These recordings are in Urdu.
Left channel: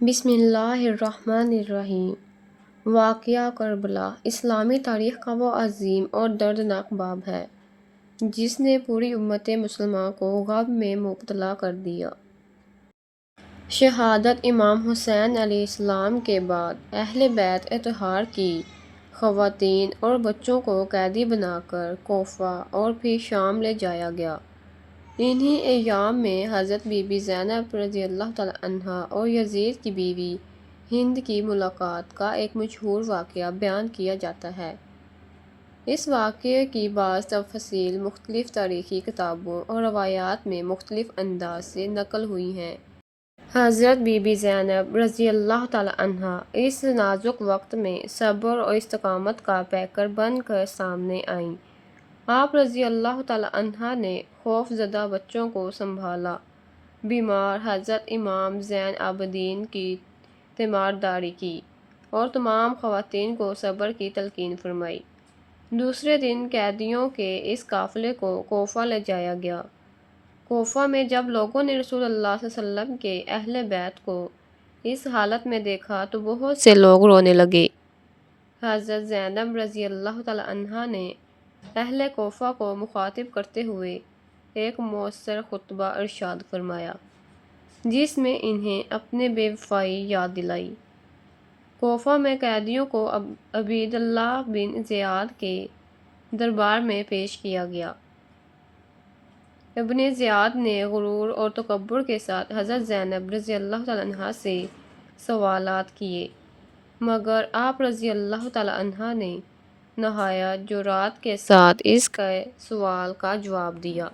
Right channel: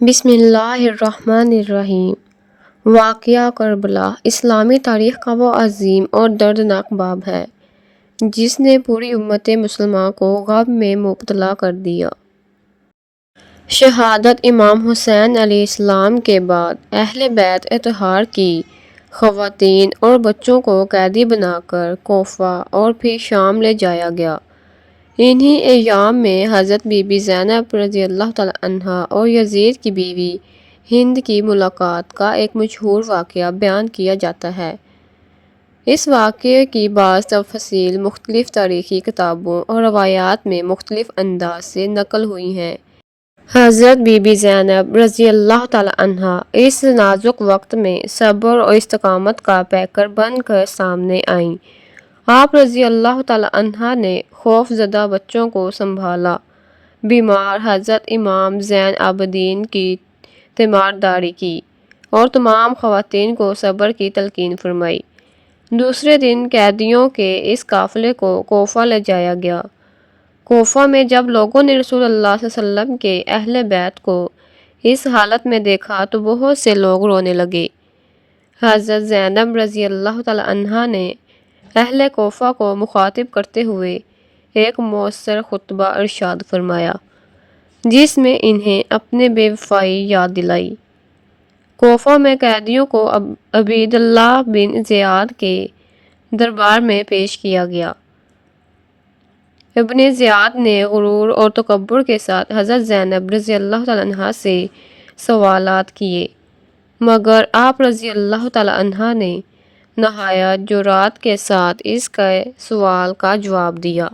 بسم اللہ الرحمن الرحیم۔ واقعہ کربلا اسلامی تاریخ کا وہ عظیم اور دردناک باب ہے جس نے پوری امت مسلمہ کو غم میں مبتلا کر دیا۔ شہادت امام حسین علیہ السلام کے بعد اہل بیت اطہار کی خواتین اور بچوں کو قیدی بنا کر کوفہ اور پھر شام لے جایا گیا۔ انہی ایام میں حضرت بی بی زینب رضی اللہ تعالیٰ عنہا اور یزید کی بیوی ہند کی ملاقات کا ایک مشہور واقعہ بیان کیا جاتا ہے۔ اس واقعے کی بعض تفاصیل مختلف تاریخی کتابوں اور روایات میں مختلف انداز سے نقل ہوئی ہیں۔ حضرت بی بی زینب رضی اللہ تعالیٰ عنہا اس نازک وقت میں صبر اور استقامت کا پیکر بن کر سامنے آئیں۔ آپ رضی اللہ تعالیٰ عنہا نے خوف زدہ بچوں کو سنبھالا، بیمار حضرت امام زین العابدین کی تیمارداری کی اور تمام خواتین کو صبر کی تلقین فرمائی۔ دوسرے دن قیدیوں کے اس قافلے کو کوفہ لے جایا گیا۔ کوفہ میں جب لوگوں نے رسول اللہ صلی اللہ علیہ وسلم کے اہل بیت کو اس حالت میں دیکھا تو بہت سے لوگ رونے لگے۔ حضرت زینب رضی اللہ تعالیٰ عنہا نے اہل کوفہ کو مخاطب کرتے ہوئے ایک مؤثر خطبہ ارشاد فرمایا جس میں انہیں اپنے بے وفائی یاد دلائی۔ کوفہ میں قیدیوں کو عبید اللہ بن زیاد کے دربار میں پیش کیا گیا۔ ابن زیاد نے غرور اور تکبر کے ساتھ حضرت زینب رضی اللہ تعالیٰ عنہا سے سوالات کیے، مگر آپ رضی اللہ تعالیٰ عنہا نے نہایت جرأت کے ساتھ اس کے سوال کا جواب دیا۔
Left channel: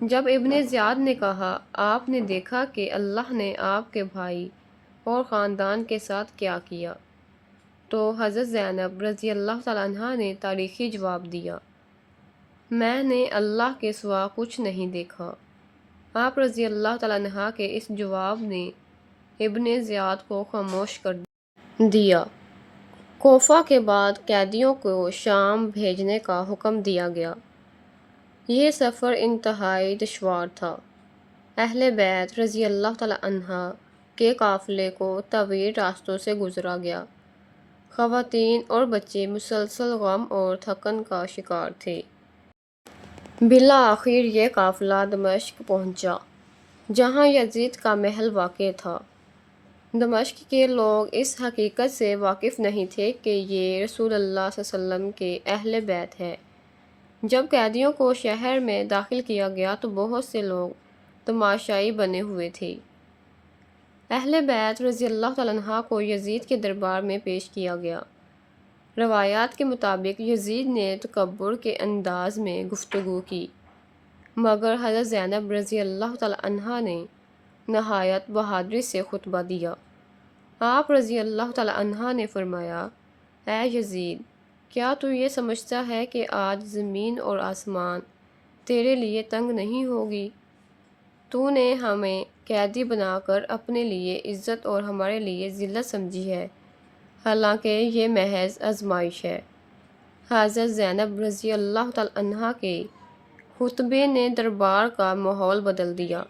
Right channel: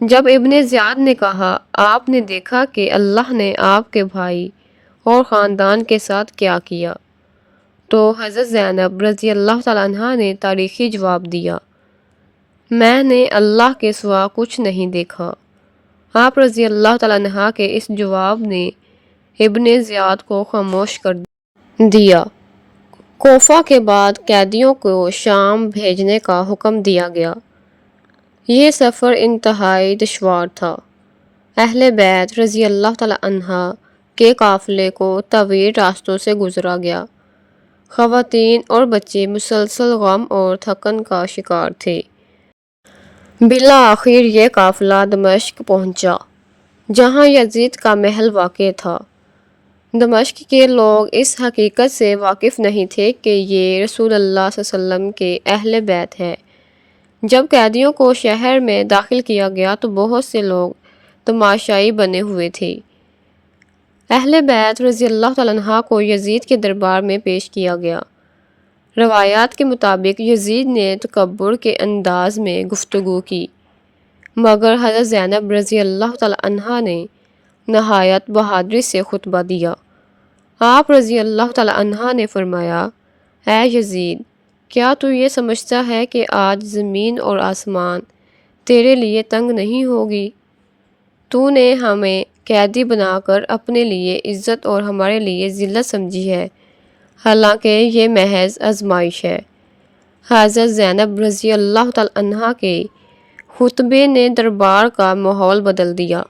جب ابن زیاد نے کہا، آپ نے دیکھا کہ اللہ نے آپ کے بھائی اور خاندان کے ساتھ کیا کیا، تو حضرت زینب رضی اللہ تعالیٰ عنہا نے تاریخی جواب دیا، میں نے اللہ کے سوا کچھ نہیں دیکھا۔ آپ رضی اللہ تعالیٰ عنہا کے اس جواب نے ابن زیاد کو خاموش کر دیا۔ کوفہ کے بعد قیدیوں کو شام بھیجنے کا حکم دیا گیا۔ یہ سفر انتہائی دشوار تھا۔ اہل بیت رضی اللہ تعالیٰ عنہا کے قافلے کو طویل راستوں سے گزرا گیا۔ خواتین اور بچے مسلسل غم اور تھکن کا شکار تھے۔ بالآخر یہ قافلہ دمشق پہنچا جہاں یزید کا محل واقع تھا۔ دمشق کے لوگ اس حقیقت سے واقف نہیں تھے کہ یہ رسول اللہ صلی اللہ علیہ وسلم کے اہل بیت ہے۔ جب قیدیوں کو شہر میں داخل کیا گیا تو بہت سے لوگ تماشائی بنے ہوئے تھے۔ اہل بیت رضی اللہ تعالیٰ عنہ کو یزید کے دربار میں پیش کیا گیا۔ روایات کے مطابق یزید نے تکبر کے انداز میں گفتگو کی، مگر حضرت زینب رضی اللہ تعالیٰ عنہا نے نہایت بہادری سے خطبہ دیا۔ آپ رضی اللہ تعالیٰ عنہا نے فرمایا، اے یزید، کیا تو یہ سمجھتا ہے کہ آج زمین اور آسمان تیرے لیے تنگ نہیں ہوگی؟ تو نے ہمیں قیدی بنا کر اپنے لیے عزت اور ہمارے لیے ذلت سمجھی ہے، حالانکہ یہ محض آزمائش ہے۔ حضرت زینب رضی اللہ تعالیٰ عنہا کے خطبے نے دربار کا ماحول بدل دیا۔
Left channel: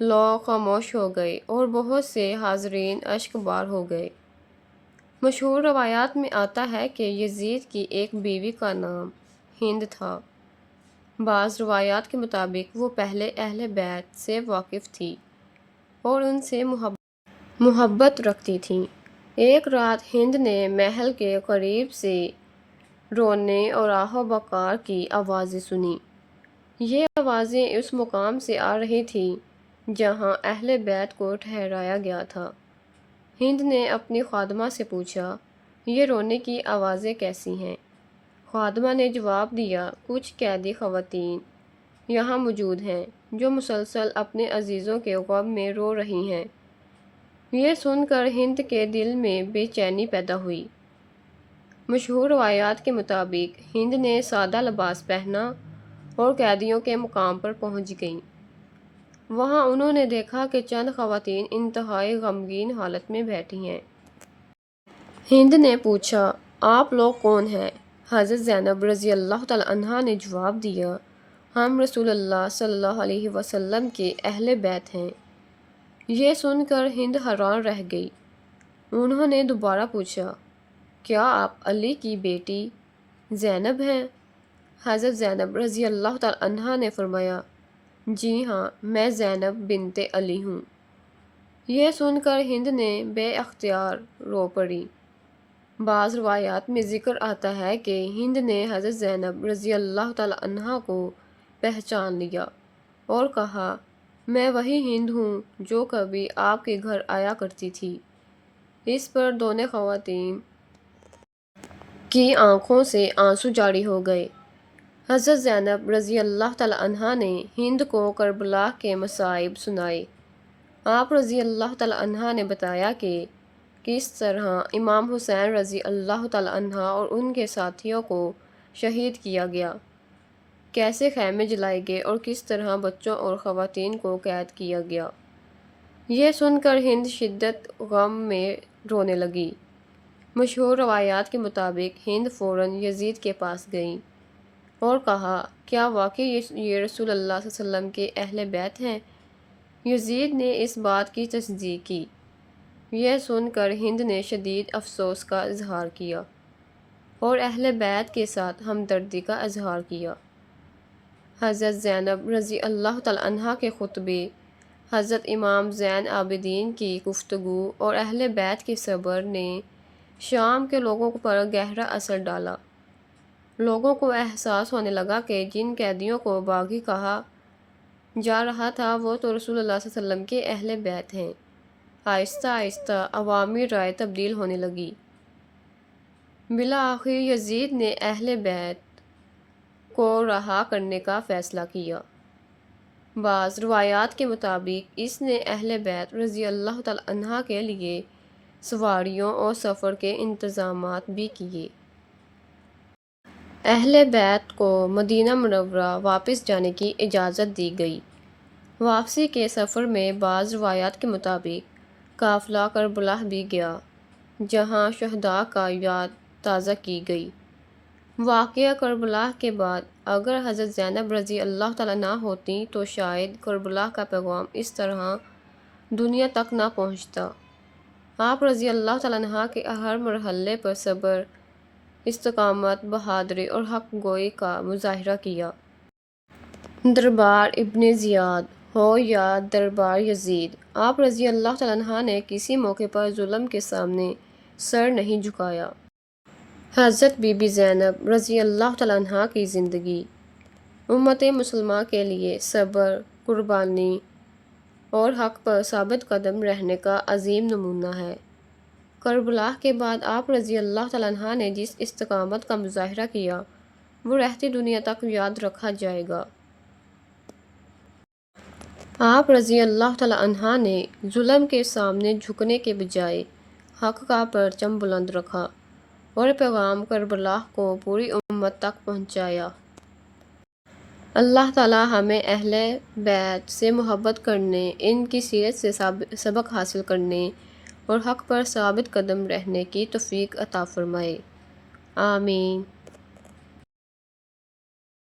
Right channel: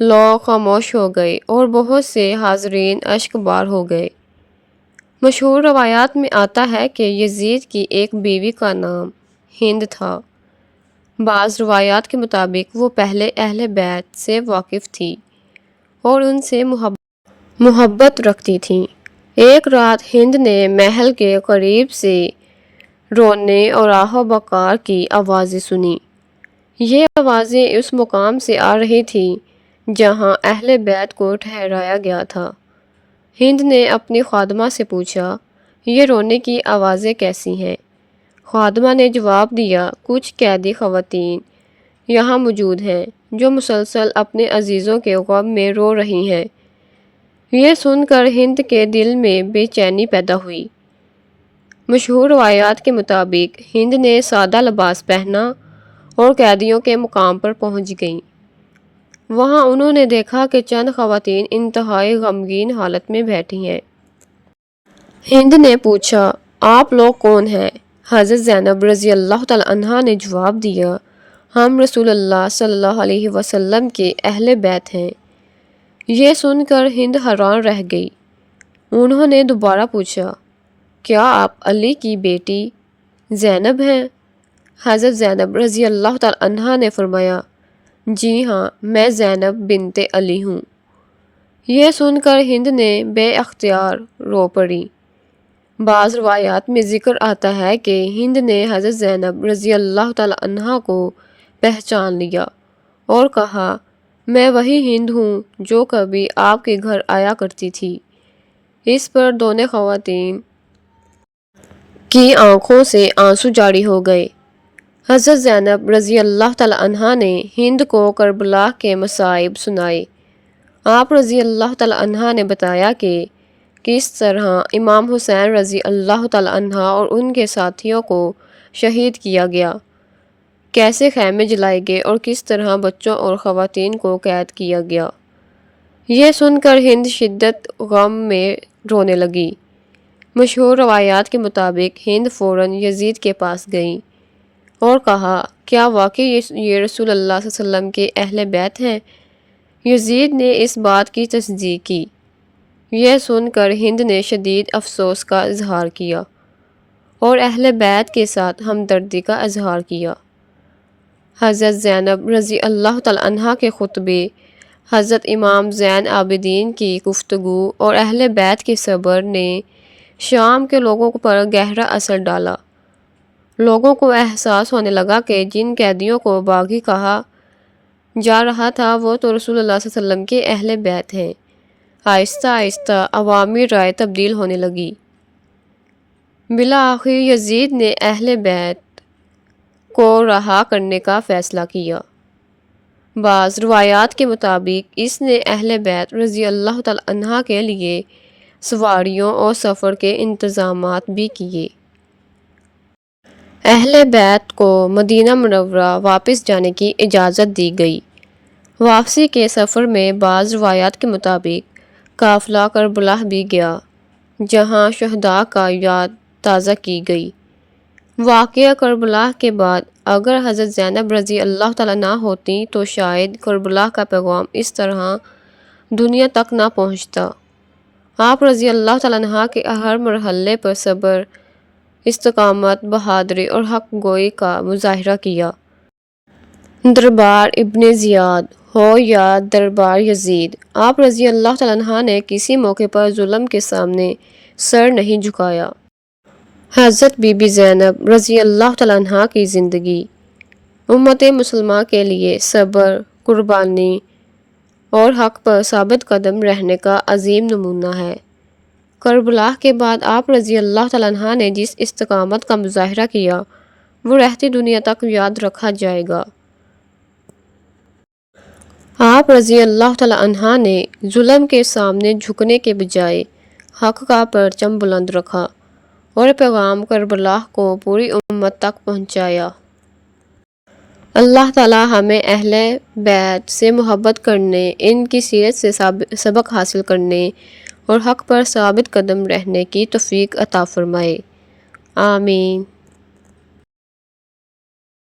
لوگ خاموش ہو گئے اور بہت سے حاضرین اشک بار ہو گئے۔ مشہور روایات میں آتا ہے کہ یزید کی ایک بیوی کا نام ہند تھا۔ بعض روایات کے مطابق وہ پہلے اہل بیت سے واقف تھی اور ان سے محبت رکھتی تھیں۔ ایک رات ہند نے محل کے قریب سے رونے اور آہ و بکار کی آوازیں سنیں۔ یہ آوازیں اس مقام سے آ رہی تھیں جہاں اہل بیت کو ٹھہرایا گیا تھا۔ ہند نے اپنی خادمہ سے پوچھا، یہ رونے کی آوازیں کیسی ہیں؟ خادمہ نے جواب دیا، کچھ قیدی خواتین یہاں موجود ہیں جو مسلسل اپنے عزیزوں کے غم میں رو رہی ہیں۔ یہ سن کر ہند کے دل میں بے چینی پیدا ہوئی۔ مشہور روایات کے مطابق ہند نے سادہ لباس پہنا اور قیدیوں کے مقام پر پہنچ گئیں۔ وہاں انہوں نے دیکھا کہ چند خواتین انتہائی غمگین حالت میں بیٹھی ہیں۔ ہند نے پوچھا، آپ لوگ کون ہیں؟ حضرت زینب رضی اللہ تعالیٰ عنہا نے جواب دیا، ہم رسول اللہ صلی اللہ علیہ وسلم کے اہل بیت ہیں۔ یہ سن کر ہند حیران رہ گئی۔ انہوں نے دوبارہ پوچھا، کیا آپ علی کی بیٹی زینب ہیں؟ حضرت زینب رضی اللہ تعالی عنہا نے فرمایا، جی ہاں، میں زینب بنت علی ہوں۔ یہ سن کر ہند نے بے اختیار رو پڑی۔ بعض روایات میں ذکر آتا ہے کہ ہند نے حضرت زینب رضی اللہ تعالی عنہا کو پہچان لیا اور کہا، میں وہی ہند ہوں جو کبھی آپ کے گھر آیا کرتی تھی۔ اس پر دونوں خواتین کی آنکھوں سے آنسو جاری ہو گئے۔ حضرت زینب رضی اللہ تعالی عنہا نے ہند کو کربلا کے مصائب سنائے۔ آپ رضی اللہ تعالی عنہا نے بتایا کہ کس طرح امام حسین رضی اللہ تعالی عنہ اور ان کے ساتھیوں کو شہید کیا گیا، کیسے خیمے جلائے گئے اور کس طرح بچوں اور خواتین کو قید کیا گیا۔ یہ سن کر ہند شدت غم میں رونے لگی۔ مشہور روایات کے مطابق ہند فوراً یزید کے پاس گئی اور کہا، کیا واقعی یہ رسول اللہ صلی اللہ علیہ وسلم کے اہل بیت ہیں؟ یزید نے اس بات کی تصدیق کی۔ یہ سن کر ہند نے شدید افسوس کا اظہار کیا اور اہل بیت کے ساتھ ہمدردی کا اظہار کیا۔ حضرت زینب رضی اللہ تعالی عنہا کے خطبے، حضرت امام زین العابدین کی گفتگو اور اہل بیت کے صبر نے شام کے لوگوں پر گہرا اثر ڈالا۔ لوگوں کو احساس ہونے لگا کہ جن قیدیوں کو باغی کہا جا رہا تھا وہ تو رسول اللہ صلی اللہ علیہ وسلم کے اہل بیت ہیں۔ آہستہ آہستہ عوامی رائے تبدیل ہونے لگی۔ بالآخر یزید نے اہل بیت کو رہا کرنے کا فیصلہ کیا۔ بعض روایات کے مطابق اس نے اہل بیت رضی اللہ تعالی عنہ کے لیے سواریوں اور سفر کے انتظامات بھی کیے۔ اہل بیت کو مدینہ منورہ واپس جانے کی اجازت دی گئی۔ واپسی کے سفر میں بعض روایات کے مطابق قافلہ کربلا بھی گیا، جہاں شہداء کا یاد تازہ کی گئی۔ واقعہ کربلا کے بعد اگر حضرت زینب رضی اللہ تعالیٰ نہ ہوتی تو شاید کربلا کا پیغام اس طرح دنیا تک نہ پہنچتا۔ آپ رضی اللہ تعالیٰ عنہ کے ہر مرحلے پر صبر، استقامت، بہادری اور حق گوئی کا مظاہرہ کیا۔ دربار ابن زیاد ہو یا دربار یزید، آپ رضی اللہ تعالیٰ عنہ نے کسی موقع پر ظلم کے سامنے سر نہیں جھکایا۔ حضرت بی بی زینب رضی اللہ تعالیٰ عنہ کی زندگی امت مسلمہ کے لیے صبر، قربانی اور حق پر ثابت قدم رہنے کا عظیم نمونہ ہے۔ کربلا کے بعد آپ رضی اللہ تعالیٰ عنہ نے جس استقامت کا مظاہرہ کیا وہ رہتی دنیا تک یاد رکھا جائے گا۔ آپ رضی اللہ تعالیٰ عنہ نے ظلم کے سامنے جھکنے کے بجائے حق کا پرچم بلند رکھا اور پیغام کربلا کو پوری امت تک پہنچایا۔ اللہ تعالیٰ ہمیں اہل بیت سے محبت کرنے، ان کی سیرت سے سبق حاصل کرنے اور حق پر ثابت قدم رہنے کی توفیق عطا فرمائے۔ آمین۔